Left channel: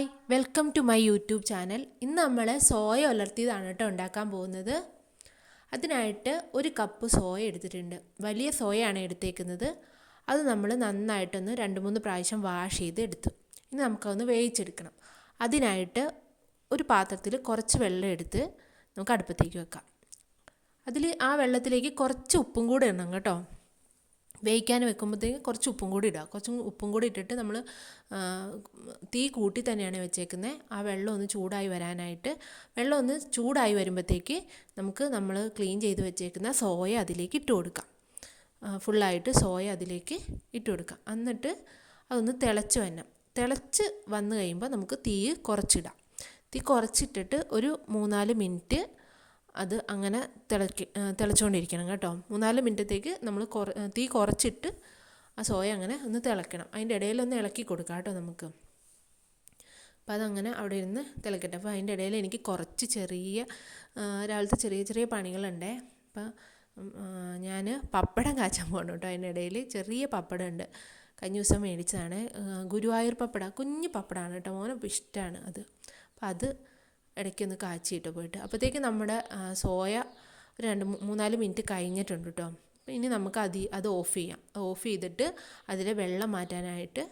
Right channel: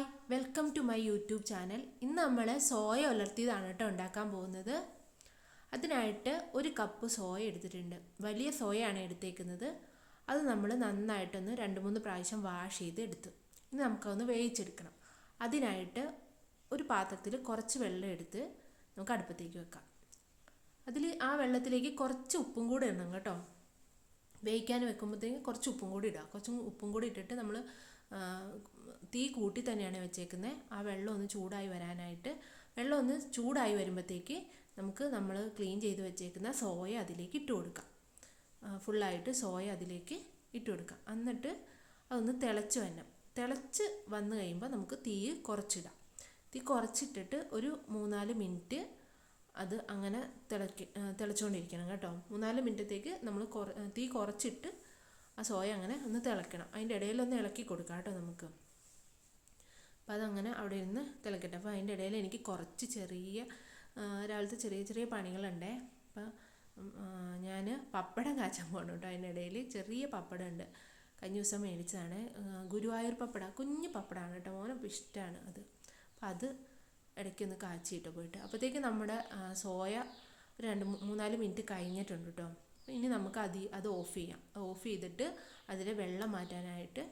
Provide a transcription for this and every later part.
Hi welcome to my YouTube channel. ഇന്ന് നമ്മൾ soya ഉലർത്തിയതാണ് കേട്ടോ ഉണ്ടാക്കാൻ പോകുന്നത്. അതിനായിട്ട് ഒരു കപ്പ് സോയ എടുത്തിട്ടുണ്ട്. വലിയ സോയയാണ് എടുത്തേക്കുന്നത്. അത് നമ്മൾ നന്നായിട്ടൊന്ന് രണ്ട് മൂന്ന് പ്രാവശ്യം വാഷ് ചെയ്ത് എടുത്തു. ഇനി നമുക്കതൊന്ന് വേവിച്ചെടുക്കണം. അതിനായിട്ട് ഒരു പാത്രത്തിൽ കുറച്ച് വെള്ളം എടുത്ത് നമുക്ക് അടുപ്പത്തേക്ക് വെക്കാം. അതിൽ ആ വെള്ളത്തിലേക്ക് കുറച്ച് ഉപ്പും കൂടെ ഇടണം കേട്ടോ. വേവിക്കാൻ വെക്കുമ്പോഴത്തേക്ക് കുറച്ച് ഉപ്പും കൂടി ഇടുക. കുറച്ച് ഉപ്പും കൂടി ഇട്ടിട്ട് നമ്മൾ തീ കൂട്ടി തന്നെയാണ് വെച്ചേക്കുന്നത്. ആ വെള്ളം ഒന്ന് ചൂടായി വരാനായിട്ട് വെള്ളം ഒന്ന് ചൂടായി വരുമ്പോഴത്തേക്ക് നമുക്ക് നമ്മൾ ക്ലീൻ ചെയ്ത് വെച്ചേക്കുന്ന സോയ അതിലേക്ക് ഇട്ട് കൊടുക്കാം. ഫുള്ളായിട്ട് സോയ അതിലേക്ക് ഇട്ട് കൊടുക്കാം. എന്നിട്ട് അതൊന്ന് തിളച്ച് വരണം. തിളച്ച് വന്നു കഴിയുമ്പോൾ നമുക്ക് തീ കുറച്ചിടാം. തീ കുറച്ചിട്ടിട്ട് ഒരു മൂന്നാൽ മിനിറ്റ് അത് അങ്ങനെ തിളക്കി തിളച്ചുകൊണ്ടിരിക്കണം കേട്ടോ. മൂന്നാൽ മിനിറ്റത്തേക്ക് നമ്മൾ കുറ തീ കുറച്ചിട്ട് ആ സോയ അങ്ങനെ ഒന്ന് തിളക്കണം. അതിന്റെ ഇടയിലൊന്ന് ഇളക്കി കൊടുക്കാം കേട്ടോ നമുക്ക്. അപ്പോൾ അതങ്ങനെ അവിടെ ഇരുന്ന് തിളക്കട്ടെ. അപ്പോൾ അതിന്റെ ഇടയിൽ എനിക്ക് കുറച്ച് ചെറിയ രാവിലത്തെ ചെറിയ ചെറിയ പണികളുണ്ടേ. അപ്പോൾ ഞാൻ പപ്പടം കാച്ചാൻ പോകണം കേട്ടോ. അതിന്റെ ഇടയിൽ ചെറിയ പപ്പടം ഉണ്ട് കഴിഞ്ഞ ദിവസം മേടിച്ചതാണ്. ഗുരുവായൂർ പപ്പട കുഞ്ഞു പപ്പടമാണ് കേട്ടോ. മോനപ്പം ഇഷ്ടമാണ് അത്. അപ്പം അത് ഇടയ്ക്കൊന്ന് കാച്ചിയിട്ട് പോയിട്ട്. അപ്പോഴത്തേക്ക് നമ്മുടെ സോയ രണ്ട് മൂന്നാൽ മിനിറ്റ് കഴിഞ്ഞിട്ടുണ്ട് കേട്ടോ ഇനി നമുക്ക് അത് അത് ഓഫ് ചെയ്യാം. ഓഫ് ചെയ്തിട്ട് അതിലെ വെള്ളം മാറ്റാനായിട്ട്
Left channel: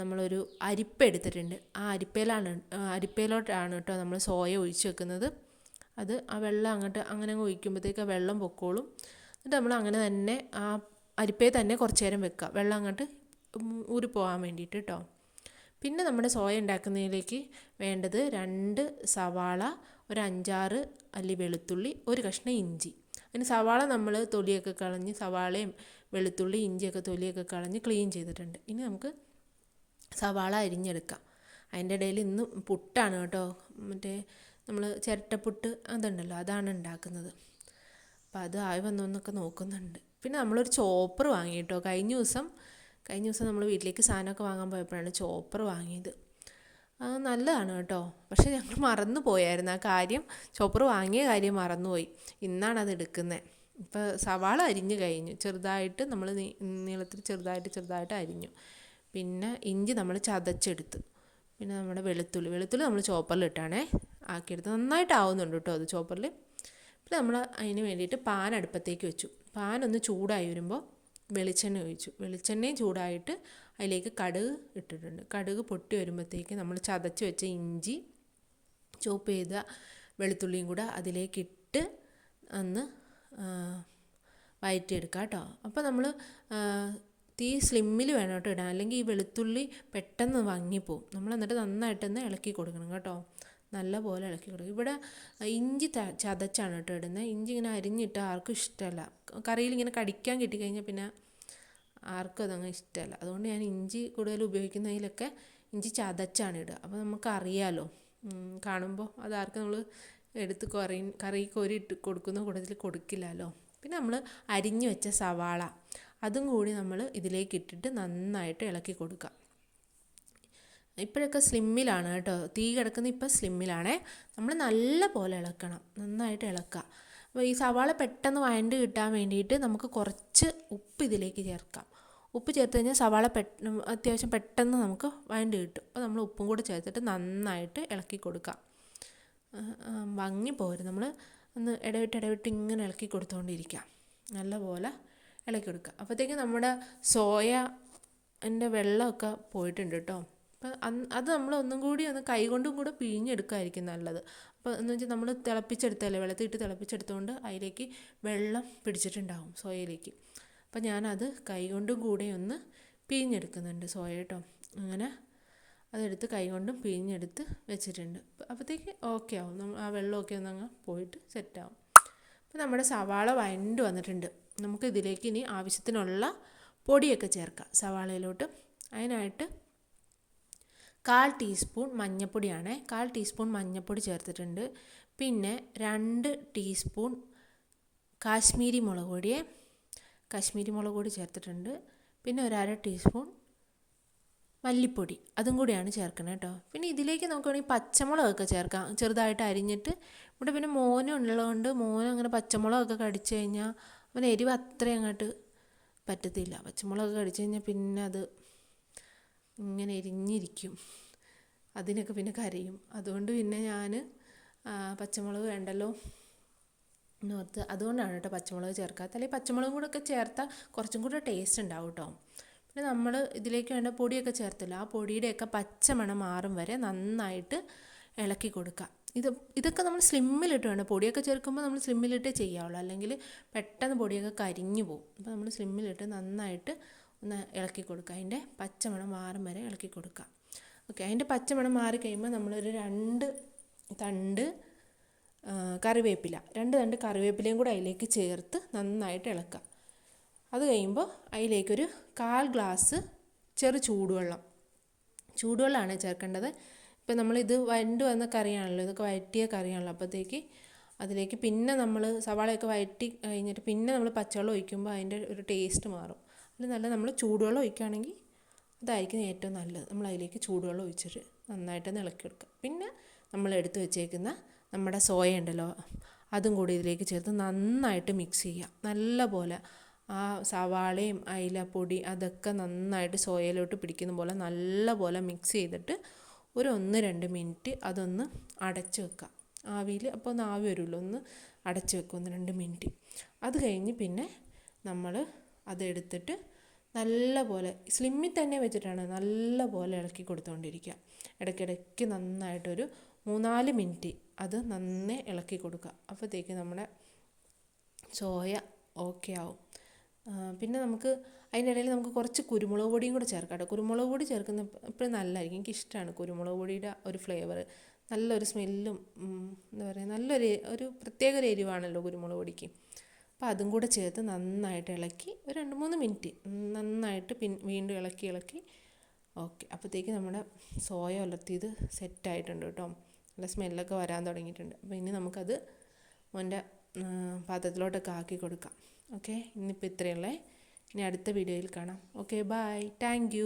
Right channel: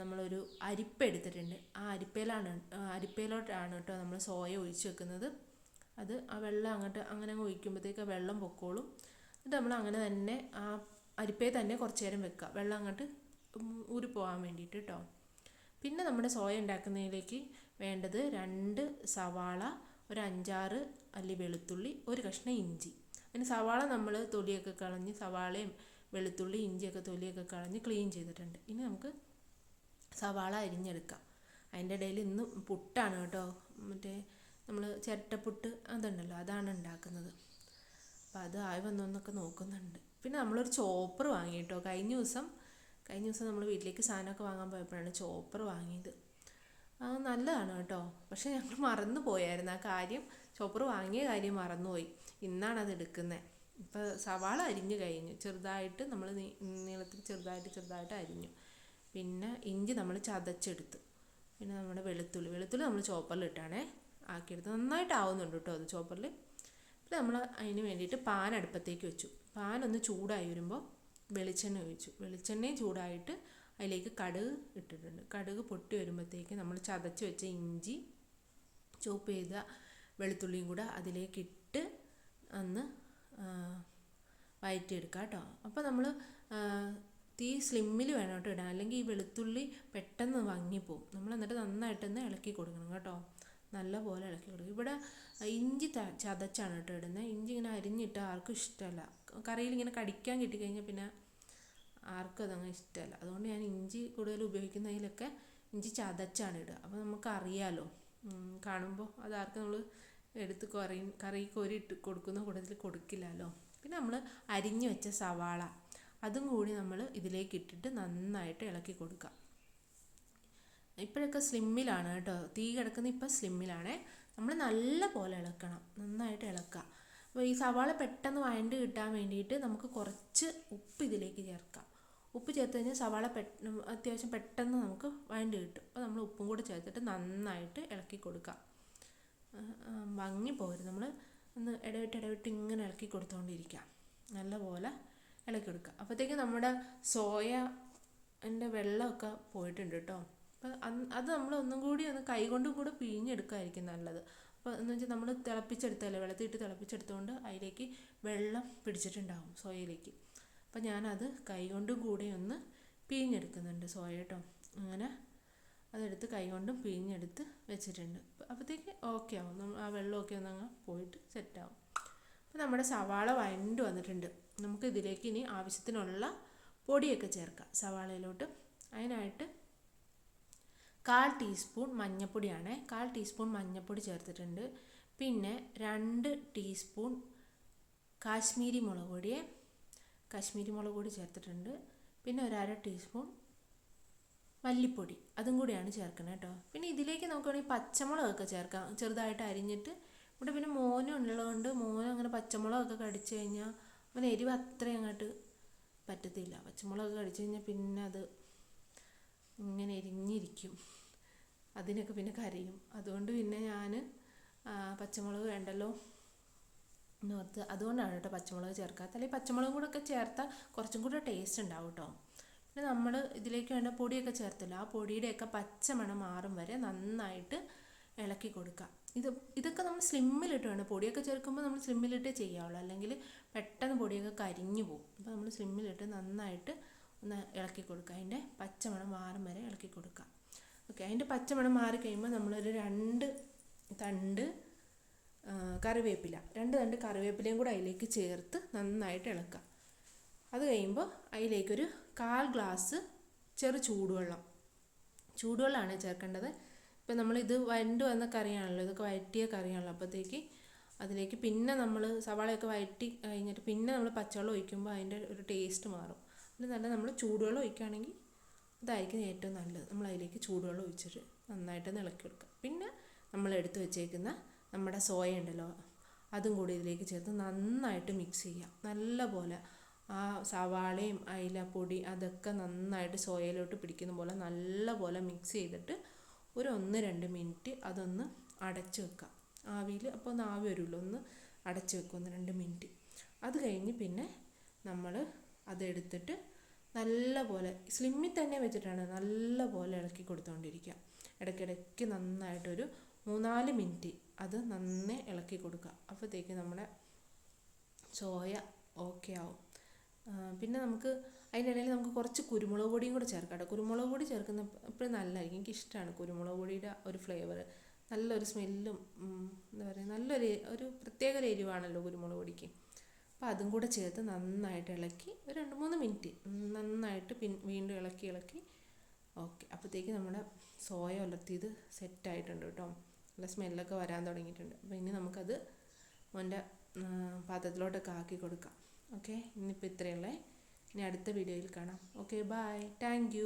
നമ്മളൊരു അരിപ്പ എടുത്തിട്ടുണ്ട്. ആ അരിപ്പയിലാണ് അരിപ്പയിലോട്ടാണ് കേട്ടോ നമ്മൾ സോയ ഒഴിച്ച് വെക്കുന്നത്. അത് ആ വെള്ളം അങ്ങോട്ട് അങ്ങനെ അങ്ങ് ഒഴിക്കുമ്പോഴത്തേക്ക് ആ വെള്ളം പൊക്കോളും. എന്നിട്ട് നമ്മൾ അങ്ങനെ തന്നെ ആ അരിപ്പയിൽ തന്നെ കുറച്ച് നേരം വെക്കുക വെള്ളം അങ്ങോട്ട് പോകാൻ വേണ്ടിയിട്ട് കേട്ടോ പിന്നെ നമ്മുടെ സോയ ഉണ്ടാക്കുന്നതിലേക്ക് വേണ്ടത് രണ്ട് സവാള ഒരു അഞ്ചാറ് അല്ലി വെളുത്തുള്ളി ഒരു കഷ്ണം ഇഞ്ചി. അതിന് സവാള നമ്മൾ തൊലിയൊക്കെ കളഞ്ഞ് സവാളയും വെളുത്തുള്ളി ഇഞ്ചിയൊക്കെ തൊലിയൊക്കെ കളഞ്ഞ് ക്ലീൻ ചെയ്തിട്ടുണ്ട്. ഇനി നമുക്ക് സവാള അരിഞ്ഞെടുക്കാം. അതിന്റെ ഇടയിൽ ഇന്ന് പുട്ടാണ് കേട്ടോ. മറ്റേ നമ്മൾ ചിരട്ടപ്പുട്ട് അതുണ്ടല്ലോ അതാണ് ഉണ്ടാക്കുന്നത്. അപ്പോൾ അത് ആയി വന്നൊന്നൊക്കെ നോക്കുന്നുണ്ട്. പിന്നെ നമ്മളൊരു ചോപ്പർ വാങ്ങി കേട്ടോ. കഴിഞ്ഞ ദിവസം കഴിഞ്ഞ ദിവസം നമ്മൾ വീട്ടിലേക്ക് സാധനമൊക്കെ വാങ്ങാൻ പോയപ്പോഴാണ് ചോപ്പർ വാങ്ങിയത്. അത് നല്ലതാണ് കേട്ടോ. പക്ഷേ ഞങ്ങൾ മറന്നു പോയായിരുന്നു. ആ കാര്യം ചോപ്പർ വാങ്ങിയ കാര്യം മറന്നുപോയി. ഇന്നാണ് അത് എടുക്കുന്നത്. ഇപ്പോൾ സവാള അരിഞ്ഞു കഴിഞ്ഞു. ചെറുതായിട്ട് നമ്മൾ നീളത്തിൽ ചെറുതായിട്ട് ചെറുതായിട്ട് അരിഞ്ഞു. പിന്നെ ഇഞ്ചി നമ്മൾ ചതച്ചെടുത്തു. പിന്നെ നമ്മുടെ വെളുത്തുള്ളി. വെളുത്തുള്ളി നമ്മൾ ചോപ്പറിലിട്ടാണേ ആക്കിയെടുത്ത് നന്നായിട്ട് ആവുന്നുണ്ട് കേട്ടോ അത് ചോപ്പറിൽ. പിന്നെ നമ്മൾ അതിന് വേണ്ടിയിട്ട് പാൻ അടുപ്പത്തേക്ക് വെച്ചു. പാൻ ഒന്ന് ചൂടായി വരുമ്പോൾ വെളിച്ചെണ്ണ ഒഴിച്ചു. വെളിച്ചെണ്ണയും ചൂടായിട്ട് അതിലേക്ക് കടുക് ഇട്ടിട്ടുണ്ട്. കടുക് പൊട്ടി വരുമ്പോഴത്തേക്ക് നമ്മൾ ചതച്ച് വെച്ച ഇഞ്ചി ചോപ്പ് ചെയ്ത വെളുത്തുള്ളിയും കൂടെ അതിലേക്ക് ഇട്ട് ഒന്ന് വഴറ്റിയെടുക്കുക കേട്ടോ. അപ്പോൾ നമ്മൾ തീ സ്ലിമ്മിൽ വേണം കേട്ടോ ഇടാൻ. അല്ലെങ്കിൽ ഈ വെളുത്തുള്ളി പെട്ടെന്ന് വാങ്ങിപ്പോവും. നമ്മൾ എന്നിട്ട് നന്നായിട്ടൊന്ന് ഇളക്കി കൊടുക്കണം കേട്ടോ. നല്ല പോലെ ഇളക്കി കൊടുക്കും ഇവിടെ ഇഞ്ചി ചതച്ചാണ് കേട്ടോ ഇടുന്നത്. ഇഞ്ചി ഇങ്ങനെ അരിഞ്ഞിട്ട് ആർക്കും ഇഷ്ടമല്ല. കറിയിൽ ഇങ്ങനെ കടിക്കാൻ കിട്ടിക്കഴിഞ്ഞാൽ പിന്നെ ആർക്കും അതങ്ങ് ഇഷ്ടമല്ല അതുകൊണ്ട് ഞാൻ ഇഞ്ചി കൂടുതൽ ഉപയോഗിക്കുന്നതിലൊക്കെ ഇഞ്ചി ചതച്ചാണ് ഇടുക. അപ്പോൾ നമുക്ക് അറിയാമല്ലോ കാണുമ്പോൾ അത് ആർക്കും നമ്മൾ എടുത്ത് കറി കറി കോരി ഇട്ട് കൊടുക്കുന്ന കൂട്ടത്തിൽ കൊടുക്കില്ലല്ലോ. പിന്നെ നമ്മൾ അരിഞ്ഞു വെച്ച സവാള അതും കൂടി നമ്മൾ ഇതിലേക്ക് ഇട്ടിട്ട് നന്നായിട്ട് ഇളക്കി കൊടുക്കുക. ഇപ്പോഴൊക്കെ സ്ലിമ്മിലാണ് കേട്ടോ. തീ കിടക്കുന്ന ഇപ്പോൾ സ്ലിമ്മിലാണേ. നമ്മൾ നല്ല പോലെ ഇളക്കണം. നന്നായിട്ട് ഇളക്കുക. അപ്പോൾ ഈ സവാള പെട്ടെന്ന് വഴണ്ട് കിട്ടാൻ വേണ്ടിയിട്ട് നമുക്ക് കുറച്ച് ഉപ്പ് ഇതിലേക്ക് ചേർക്കാം. ഉപ്പ് ചേർത്ത് കഴിഞ്ഞാൽ സവാള പെട്ടെന്ന് അത്യാവശ്യം പെട്ടെന്ന് നമുക്ക് വഴണ്ട് കിട്ടും. അപ്പോൾ നമ്മൾ ഉപ്പും കൂടെ ചേർത്തിട്ട് നന്നായിട്ട് ഇളക്കി കൊടുക്കാം. ഭംഗി പോരും. നമ്മൾ ഒന്ന് ഇടവിട്ട് ഇടവിട്ട് ഇങ്ങനെ ഇളക്കി കൊടുത്തുകൊണ്ടിരിക്കാം നല്ലപോലെ ഇളക്കി കൊടുക്കുക. അപ്പോഴത്തേക്ക് നമ്മുടെ സോയ എന്റെ വെള്ളമൊക്കെ പോയിട്ടുണ്ട് കേട്ടോ. അപ്പം അത് നമ്മൾ ഒന്നും കൂടി ഒന്ന് കൈ കൊണ്ടും കൂടെ പിഴിഞ്ഞെടുക്കായിരിക്കും നല്ലത്. അപ്പോൾ എന്ന് വെച്ചാൽ നമ്മൾ തിളപ്പിച്ചെടുത്തല്ലേ വെള്ളത്തിട്ട് തിളപ്പിച്ചെടുത്തുകൊണ്ട് അതിലേക്ക് വെള്ളം പിടിച്ചിട്ടുണ്ടാകും സോയയിലേക്ക്. അപ്പം ഞാനത് കൈ കൊണ്ടും കൂടെ ഒന്ന് പിഴിഞ്ഞെടുക്കുന്നുണ്ട് സോയ കേട്ടോ. അങ്ങനെ അതെടുത്ത് കൈ കൊണ്ടും പിഴിഞ്ഞെടുത്ത് വെച്ചിട്ടുണ്ട്. അപ്പോഴത്തേക്ക് ഓക്കെ ആവും. ആ വെള്ളമൊക്കെ ഒന്ന് അങ്ങ് പോയിട്ട് സെറ്റാവും അപ്പോൾ നമ്മുടെ സവാള വഴണ്ട് വന്നിട്ടുണ്ട്. നമുക്ക് ഇതിലേക്ക് ഇനി ആവശ്യത്തിനുള്ള പൊടിയൊക്കെ ചേർക്കാം സവാളയിലോട്ട്. അതിനായിട്ട് കാൽ ടീസ്പൂൺ മഞ്ഞൾപ്പൊടിയാണ് കാൽ ടീസ്പൂൺ മഞ്ഞൾപ്പൊടി ചേർത്തിട്ടുണ്ട്. പിന്നെ രണ്ട് ടീസ്പൂൺ കാശ്മീരി മുളക് പൊടിയെ കാശ്മീരി മുളക് പൊടി ചേർത്തിട്ടുണ്ട്. പിന്നെ ഒരു അര ടീസ്പൂൺ മല്ലിപ്പൊടി അതും കൂടിയാണ് ചേർക്കുന്നത് കേട്ടോ. പിന്നെ ഇതിലേക്ക് നമുക്ക് വേണമെങ്കിൽ പച്ചമുളകൊക്കെ ചേർക്കാം. ചെറുതായിട്ട് അരിഞ്ഞിട്ട്. ഇവിടെ പിന്നെ മോനും ഉള്ളതുകൊണ്ട് മോനും അങ്ങനെ പച്ചമുളകൊക്കെ കടിച്ചു കഴിഞ്ഞാൽ അവന് എരിവ് അത്രയും അങ്ങോട്ട് പറ്റത്തില്ല. പച്ചമുളകൊക്കെ കടിച്ചു കഴിഞ്ഞാൽ പിന്നെ അത് ഇങ്ങനെ എരിഞ്ഞിരിക്കും. അതിനൊക്കെ പിന്നെ കരയും. അതുകൊണ്ട് പിന്നെ ഞാൻ പച്ചമുളക് വേണ്ടല്ലോ എന്നോർത്ത്. അതുകൊണ്ടാണ് കേട്ടോ പച്ചമുളക് ചേർക്കാത്ത അല്ലെങ്കിൽ പച്ചമുളകും കൂടെ ഒക്കെ ചേർത്താൽ കുറച്ചും കൂടെ ടേസ്റ്റ് ഉണ്ടാവും കേട്ടോ. പിന്നെ നമ്മൾ ഇതിലേക്ക് വേണ്ട പൊടിയൊക്കെ ചേർത്തല്ലോ. ആ പൊടിയുടെയൊക്കെ പച്ചമണം മാറും വരെ നന്നായിട്ട് ഇളക്കി കൊടുക്കുക ഇത് ഇതൊക്കെ നമ്മൾ സ്ലിമ്മിലിട്ട് വേണം. പൊടിയൊക്കെ ചേർക്കുമ്പോൾ നമ്മൾ സ്ലിമ്മിലിട്ടേ ചെയ്യാവുള്ളൂ. അല്ലെങ്കിൽ പെട്ടെന്ന് പൊടിയൊക്കെ കരിഞ്ഞു പോകും. അപ്പോൾ നമ്മൾ സ്ലിമ്മിലിട്ട് നന്നായിട്ട് ഒന്ന് ഇളക്കി കൊടുക്കുക. അതിന്റെ പച്ചമണം മാറും വരെ ഇളക്കി കൊടുക്കുക. ഓക്കെ അതിന്റെ പച്ചമണം മാറി കഴിയുമ്പോൾ നമ്മളൊരു രണ്ട് തണ്ട് കറിവേപ്പില രണ്ട് തണ്ട് കറിവേപ്പിലയും കൂടെ അതിലേക്ക് ചേർത്ത് നന്നായിട്ട് ഇളക്കുക. അത് കഴിയുമ്പോൾ അതിലേക്കൊരു കാൽ ഗ്ലാസ് ചെറു ചൂടുവെള്ളം. ചൂടുവെള്ളമാണ് ചേർക്കേണ്ടത്. ഇപ്പം നമ്മളിത് വണ്ടു വന്ന കറിയാണല്ലോ ഇതൊക്കെ വഴറ്റിയ കറിയാണല്ലോ അപ്പോഴത്തേക്ക് അതിലേക്ക് പിന്നെ നമ്മൾ സവാളയൊക്കെ വഴറ്റി കഴിഞ്ഞിട്ട് പിന്നെ നമ്മൾ പച്ചവെള്ളം ഒഴിക്കുമ്പോൾ അതിന്റെ ഒരു ടേസ്റ്റ് മാറും. അതിൽ നല്ല നമ്മൾ ചൂടുവെള്ളം ഒഴിക്കുകയാണെങ്കിൽ അതായിരിക്കും ഏറ്റവും നല്ലത്. നമ്മൾ അതിലേക്ക് ചൂടുവെള്ളം ഒഴിച്ചിട്ട് നന്നായിട്ട് ഇളക്കി കൊടുക്കുക. പിന്നെ നമ്മൾ എടുത്തു വെച്ചേക്കുന്ന നമ്മുടെ സോയ ഉണ്ടല്ലോ അതും കൂടി ഇതിലേക്ക് ചേർത്ത് നന്നായിട്ട് മിക്സ് ചെയ്യുക. നല്ല പോലെ ആ സവാളയും അയിലപ്പൊടി അതൊക്കെ നന്നായിട്ട് സോയയിലോട്ട് പിടിക്കുന്ന പോലെ നല്ല പോലെ മിക്സ് ചെയ്തിട്ട് ഒരു ഒന്ന് രണ്ട് മിനിറ്റ് അതൊന്ന് അടച്ച് വെക്കുക. ആവിയിൽ അപ്പോൾ ഒന്ന് ആവി വരുമല്ലോ ഒന്ന് അടച്ച് വെക്കുക ഒന്ന് രണ്ട് മിനിറ്റ് അത് കഴിഞ്ഞ് പിന്നെ നമ്മൾ അതെടുത്തിട്ട് നല്ല പോലെ സ്ലിമ്മിൽ തന്നെ വെച്ചിട്ടാണ് നല്ല പോലെ ഇളക്കി കൊടുത്തുകൊണ്ടിരിക്കുക ഇടയ്ക്കിടയ്ക്ക് നന്നായിട്ടൊരു മൂന്നാൽ മിനിറ്റ് അത് നന്നേ ഇളക്കി കൊടുക്കുക. അപ്പോഴത്തേക്ക് നമ്മുടെ സോയ ഓക്കെ ആവും. പിന്നെ നമുക്ക് അതിനിടയിൽ നമുക്ക് കുറച്ച് കുരുമുളക് പൊടിയും കൂടെ ചേർക്കാം കേട്ടോ. കുരുമുളക് പൊടി ചേർക്കുന്ന എപ്പോഴും നല്ലതായിരിക്കും. എനിക്ക് ഇഷ്ടമാണ് കുരുമുളക് പൊടിയുടെ ഒരു ഫ്ലേവർ നല്ലൊരു സ്മെല്ലും എന്താ പറയുക നല്ലൊരു ഒരു പ്രത്യേക ഒരു എരിവാണല്ലോ കുരുമുളക് പൊടിക്ക്. അപ്പോൾ അതും കൂടെ ചേർത്ത് നന്നായിട്ട് ഇളക്കി ഒരു രണ്ട് മൂന്ന് മിനിറ്റ് നന്നായിട്ട് പിൻ വീണ്ടും ഇളക്കി ഇളക്കി. ഓക്കെ. അപ്പോഴത്തേക്ക് നമ്മുടെ സോയ ഉലർത്തിയത് സെറ്റായിട്ടുണ്ട് കേട്ടോ. നല്ല സ്മെല്ലൊക്കെ വരാൻ തുടങ്ങിയിട്ടുണ്ട്. അപ്പോൾ ഇനി നമുക്കത് മോന്റെ പാത്രത്തിലോട്ടൊക്കെ ആക്കി കൊടുക്കാം. ഓക്കെ. ഇന്നിപ്പോൾ ഇത്രയുള്ളേ. ഇനി അടുത്ത വീഡിയോയിൽ കാണാം. Okay bye thank